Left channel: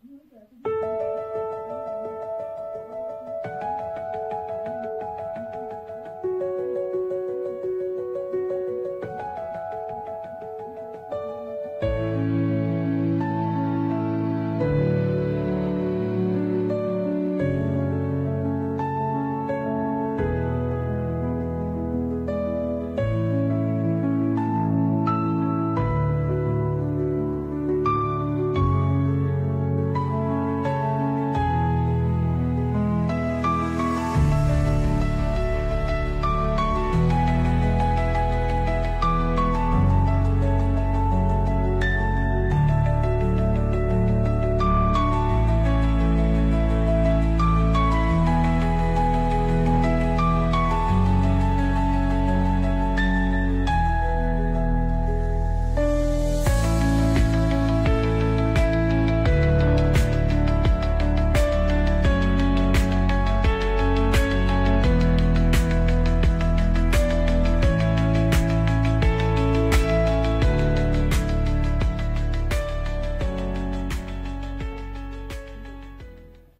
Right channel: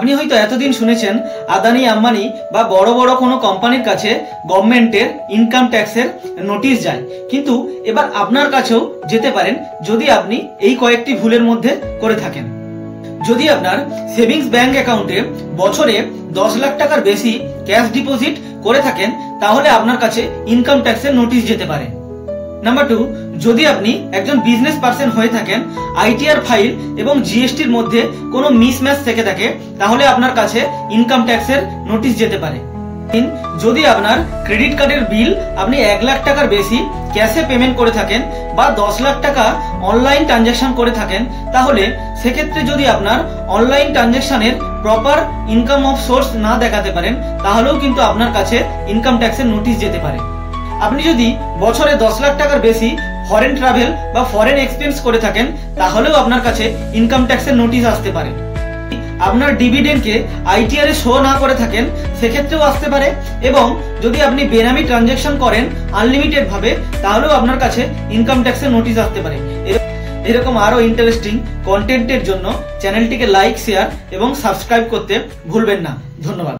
আপনি হয়তো এতদিন শুনেছেন আদানি আম্বানি বা বড় বড় কোনো কোম্পানির কাছে গভর্নমেন্টের ইনকাম ট্যাক্সের নোটিশ যায়, কিন্তু এবার আপনার কাছেও যেতে পারেন যদি আপনি এই কয়েকটি ভুলের মধ্যে করে থাকেন। যদি আপনার সেভিংস ব্যাংক অ্যাকাউন্টে বছরে 10 লাখ টাকার বেশি ক্যাশ ডিপোজিট করে থাকেন, তাহলে আপনার কাছে ইনকাম ট্যাক্সের নোটিশ যেতে পারে। নাম্বার 2, যদি আপনি একজন বিজনেস পার্সন হয়ে থাকেন, আইটিআর ফাইল এবং জিএসটির মধ্যে কোনো মিসম্যাচ থেকে থাকে, তাহলে আপনার কাছে ইনকাম ট্যাক্সের নোটিশ যেতে পারে। 3, যদি আপনার ক্রেডিট কার্ডের বিল আপনি 1 লাখ টাকার বেশি ক্যাশে পেমেন্ট করে থাকেন বা 10 লাখ টাকা অনলাইন ট্রানজাকশন করে থাকেন, তাহলে সেক্ষেত্রে যদি আপনার অনলাইন ট্রানজাকশনের প্রপার ইনকাম অফ সোর্স না দেখাতে পারেন, তাহলেও কিন্তু আপনার কাছে ইনকাম ট্যাক্সের নোটিশ যেতে পারে। আপনি যদি বছরে 10 লাখ টাকার বেশি ফরেন ট্রাভেল বা ফরেন এক্সপেন্স করে থাকেন, তাহলেও আপনার কাছে ইনকাম ট্যাক্সের নোটিশ আসতে পারে। আপনার ডিভিডেন্ডকে আইটিআর এ শো না করে থাকেন, সেক্ষেত্রেও আসতে পারে। এবং যদি আপনি বেনামি ট্রানজাকশন করেন আনলিমিটেড ভাবে, তাহলেও আপনার কাছে ইনকাম ট্যাক্সের নোটিশ আসতে পারে। এরকম আরো ইন্টারেস্টিং কন্টেন্টের জন্য চ্যানেলটিকে লাইক, শেয়ার এবং সাবস্ক্রাইব করতে ভুলবেন না। ধন্যবাদ।